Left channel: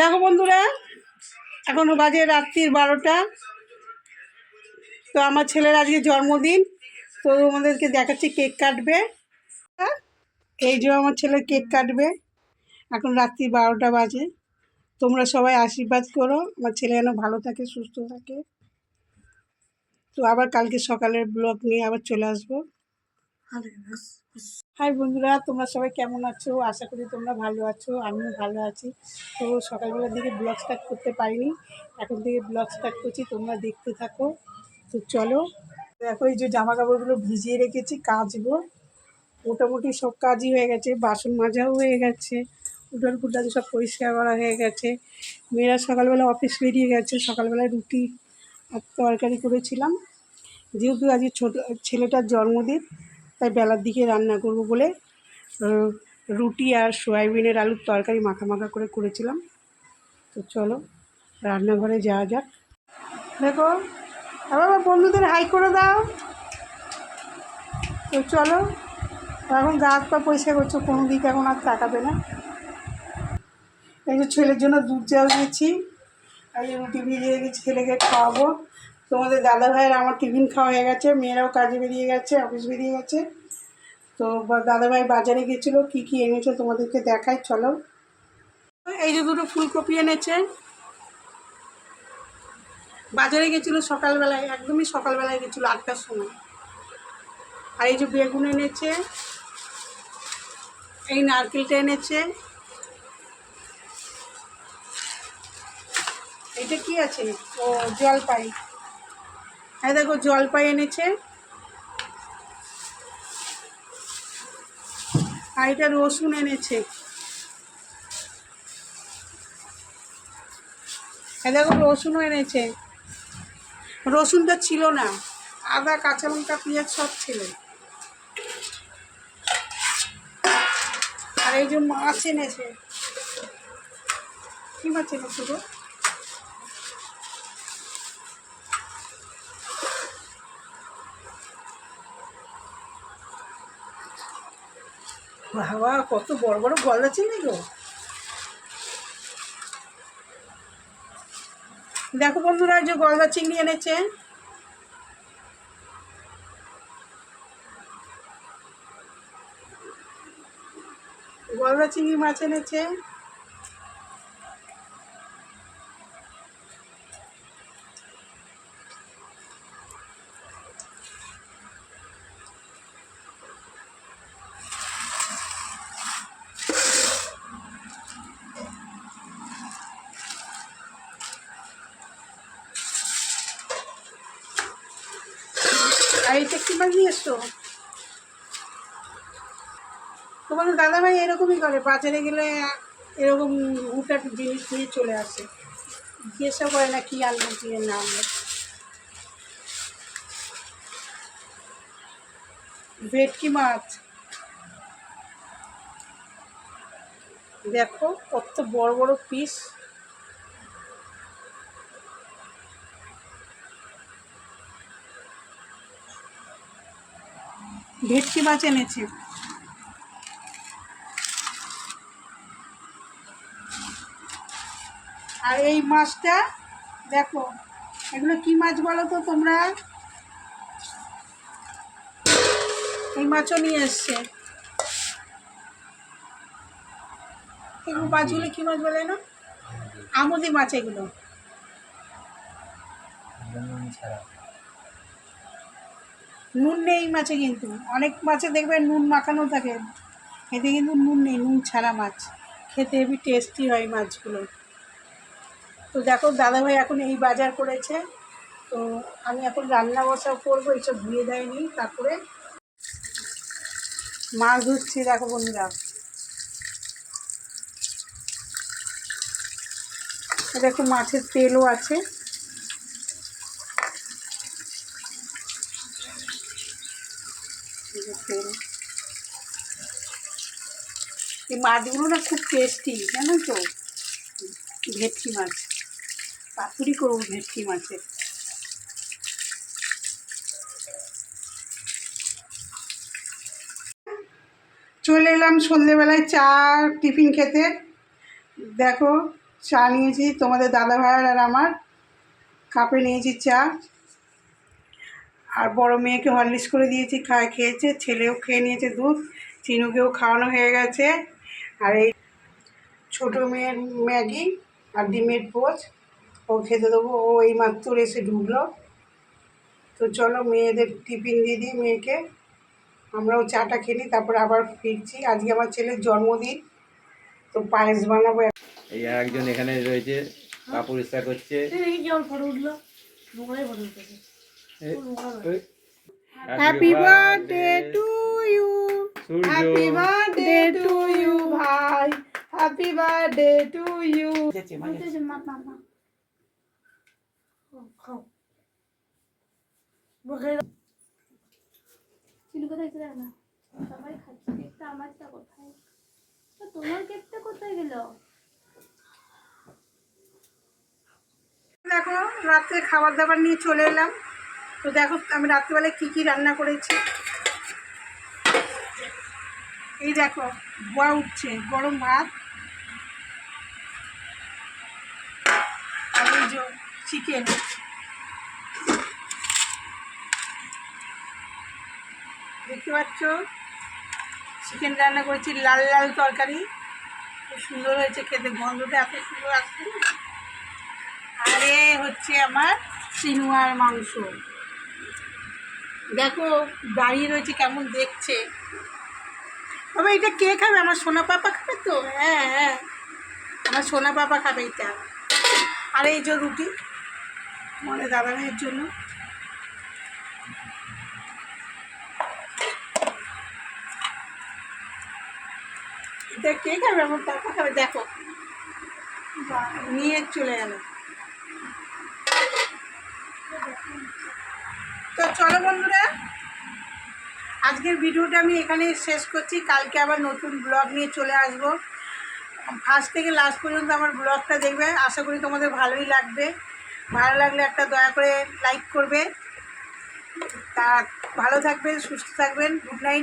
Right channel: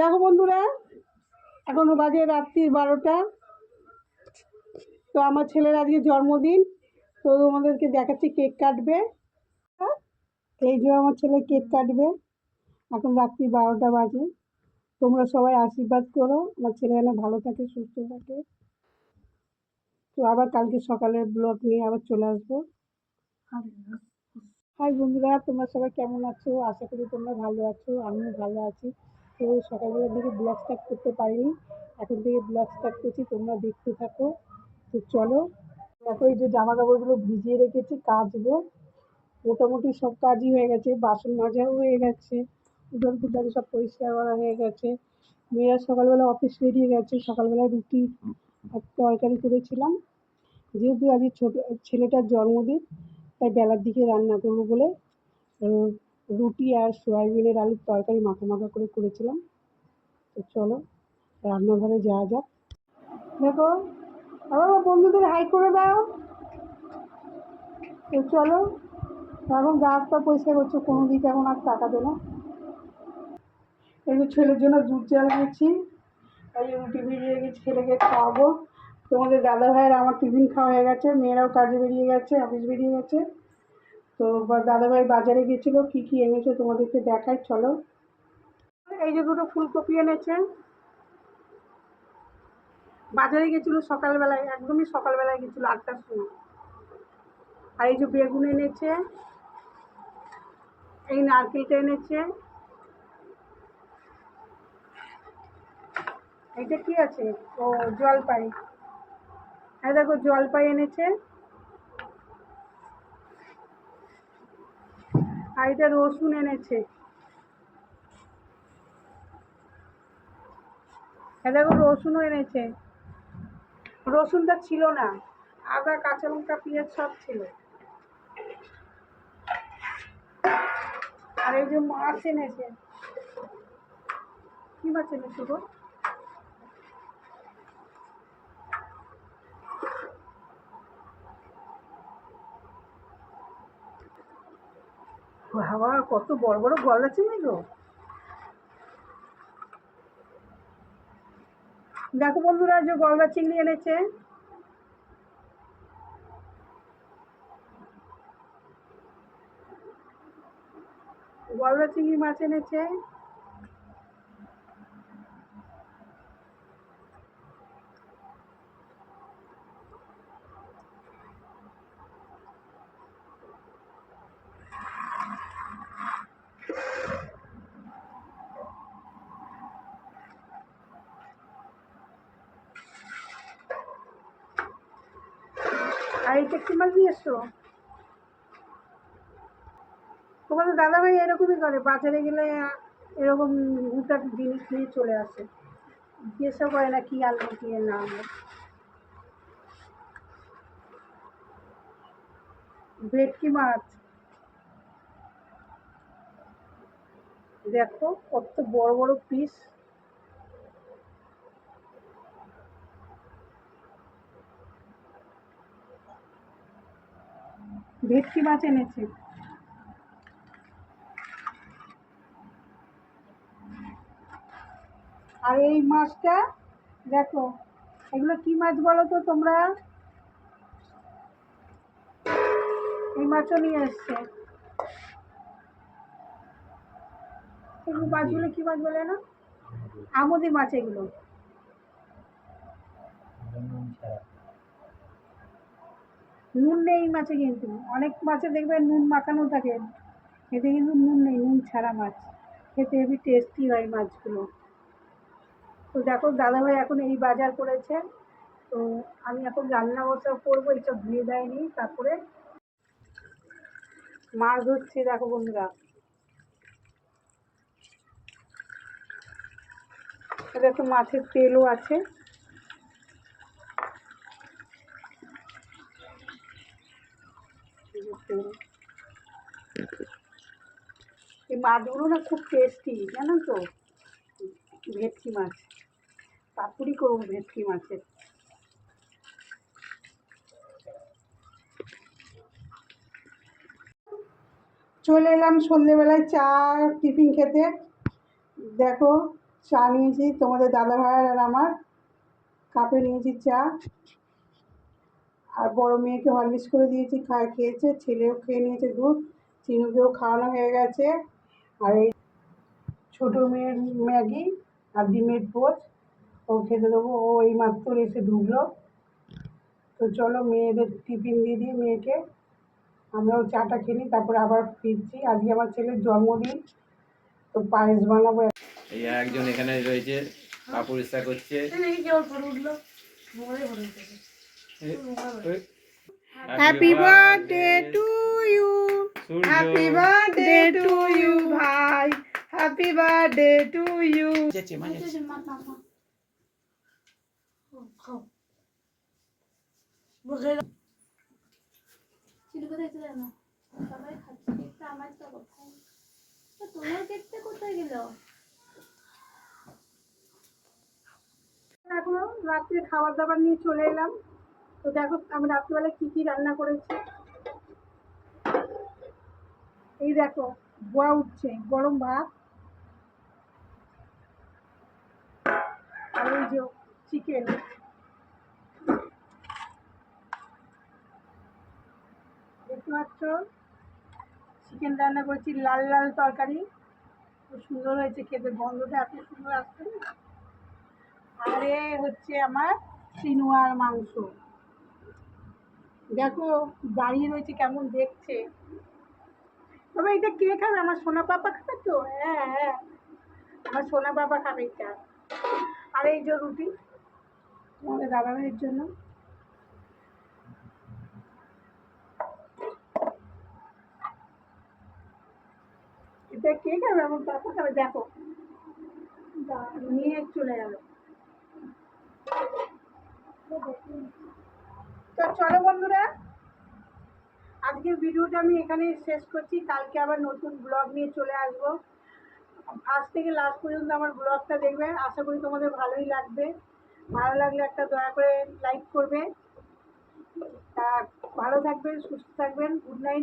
দেখো বন্ধুরা, এখনো বাজে রাত্রির 12টা। তো আমার ছেলের আজকে জন্মদিন, তো আমাদেরকে দেখাচ্ছি কেক কাটবে। এই যে আমার ছেলে কেক কাটবে, এখন রাত্রি 12টা বাজে। তোমরা সবাই আশীর্বাদ করো আমার ছেলে যেন ভালো থাকে, সুস্থ থাকে। তো আবার কালকে সকালের ব্লগ নিয়ে আবার চলে আসবো। হাই বন্ধুরা, তোমরা সবাই কেমন আছো? আশা করি তোমরা ভালো আছো, আমিও ভালো আছি। তো সকালবেলার দিকে ব্লগ স্টার্ট করতে পারিনি, এখন থেকে ব্লগ স্টার্ট করছি, তোমরা দেখতে থাকো। তো চলো, দেখো এই যে জামা কাপড়গুলো ভিজিয়ে রেখেছি, কাচবো। মোটামুটি সব কাজই হয়ে গেছে, বাসন মাজাও হয়ে গেছে, উঠান ফুটান সব পরিষ্কার করা হয়ে গেছে। মেয়েরা সকালবেলা অফিস বেরিয়ে গেছে, সকালবেলায় রুটি আর তরকারি করেছিলাম। যেহেতু আজকে ছোটো ছেলেটার জন্মদিন, তাই বেলার দিকে রান্না করব বলে রুটি আর সয়াবিনের আলুর তরকারি মাখা মাখা করে করেছিলাম। তো চলো রান্নাঘরে যাওয়া যাক। দেখো আবার বন্ধুদের হাই করে দাও। তো চলো, এখন গা হাত পা পরিষ্কার করছো, কোনো দিকে এখন আর তাকাবে না। এই যে ছেলের জন্য দুধ জাল দিয়েছি, আর এই রুটি ভিজিয়ে রেখেছি, ছেলেকে খাওয়াবো। তোমাদের দাদা ভাইয়ের আমার টিফিন খাওয়া হয়ে গেছে, মেয়েরাও কাজে বেরিয়ে গেছে, অফিস বেরিয়ে গেছে। তো দাদাভাই বাজারে গেছিলো, কি কি এনেছে তোমাদেরকে দেখাই, চলো। এই যে দুটো ফুলকপি এনেছে, বাজারে গেছিলো সকালবেলায়, একদমই সকালবেলায় গেছিলো 8টার সময়। আর এই যে বেগুন এনেছে, এই নারকেলটা এনেছে। এইটা কি আছে? ও জলপাই। এই দেখো জলপাই এনেছে। আর এটা রসুন এনেছে। এই দেখো রসুনও এনেছে। রসুনটা ছিল না, আদা কাঁচা লঙ্কা পেঁয়াজ সব ছিল। আর এই যে মাছ এনেছে। কি মাছ এনেছে গো? বাবা, কত বড় বড় গলদা চিংড়ি গো। দেখো বন্ধুরা, যে গলদা চিংড়ি এনেছে। গলদা চিংড়ি মাছ এনেছে। আর এইটা কি মাছ নিয়ে এসছো? তোমাদের দাদাভাই এরকমই করে, বাজারে গেলে এরকম হুটার জিনিস নিয়ে চলে আসে, জিজ্ঞাসা করে না কি আনবো কি না আনবো। ভেটকি মাছ দেখো কত বড় বড় পিস। ভেটকি মাছ এনেছে। আর এই মাছটা দেখো, এগুলো কি মাছ বলো তো তোমরা? এই মাছও নিয়ে এসছে। এগুলো মাছগুলো কি মাছ বলে না? আমুদি মাছ এগুলো। নুন নেই মাছে, কিন্তু অনেক মাছে দেখবে নুন মাখানো থাকে, এতে কিন্তু নুন নেই, নুন ছাড়া মাছ। খেতে হেবি টেস্টি হয় মাছগুলো। তো দেখো দাদাভাই এখন এই বাজার করেছে, তো আমি এখন রান্না বসা করবো, এইসব ধুয়ে দেয়নি। তারপরে মাছ ধুচ্ছি, দেখো বন্ধুরা। এটা একটু মাছের তেলও আছে। তেল, এই মাছগুলো না খুব টেস্টি, জানো তো? ভেটকি মাছ পাতুরি করবো, ভেটকি মাছের। চলে এলাম সন্ধেবেলায় চা টিফিন খেতে। দেখো চা নিয়েছি তোমাদের দাদা ভাইয়ের আর আমার, কাপে নিয়েছি চা। আর বড় মেয়েকে হরলিক্স করে দিয়েছি, খেয়েছে, ছেলেও খেয়ে নিয়েছে দুধ, চিনুকেও খাওয়ানো হয়ে গেছে। আর এই ছোটো মেয়ের ম্যাগি আর ডিমের পোচ ও খেতে দেবো, ও এই মাত্র এসে ঢুকলো। তো চলো মেয়েদের টিফিন দিয়ে দিই মেয়েকে, আমরাও চাটা খেয়ে নিই, তারপরে আবার ফিরছি। আজকে আমার ছেলের জন্মদিন, তো পায়েস বানাবো। এই একজন এখানে রয়েছে, পা পরিষ্কার করছে। Happy birthday to you, happy birthday to you ভাই, হ্যাপি বার্থডে টু ইউ। চিনি কোথায় ছিল না, সবাই খাচ্ছে কেকটা, আমারটা কোথায়? তোমার কেকটা কোথায় গেল? দেখো রাত্রে খাবার দাবার নিয়ে চলে এলাম। তো দেখো আমি রাত্রিবেলায় কী কী রান্না করেছি। এই দেখো ধোয়া উঠছে গরম ভাত, আর এই যে চিকেন। দেখতে পাচ্ছ চিকেন রান্না করেছি, লাল লাল তরকারি, খুব সুন্দর হয়েছে খেতে, গন্ধটা এত সুন্দর আসছে না। আরে হচ্ছে আমার চিনুয়ার মাংস। দেখো দাঁড়িয়ে রয়েছে কেমন দেখছে। বাবা এটা কে খাবে? আমার সোনা পাপা খাবে তো? হ্যাঁ হ্যাঁ, আমার সোনা পাপা খাবে এটা। আর এই যে রুটি তোমাদের দাদা ভাইয়ের জন্য। এটা কে খাবে? আমার পাপা খাবে। দেখো নিয়ে চলে গেল। তো চলো বন্ধুরা, আজকের ভিডিওটা আমি এখানে শেষ করছি। কালকে আবার নতুন ব্লগ নিয়ে চলে আসবো। ফার্স্ট থেকে লাস্ট পর্যন্ত আমার ব্লগটা দেখবে, আশা করি তোমাদের ভালোই লাগবে। ভালো লাগলে একটা দয়া করে লাইক করবে। তা ভালো থাকবেন, সুস্থ থাকবেন। Good night.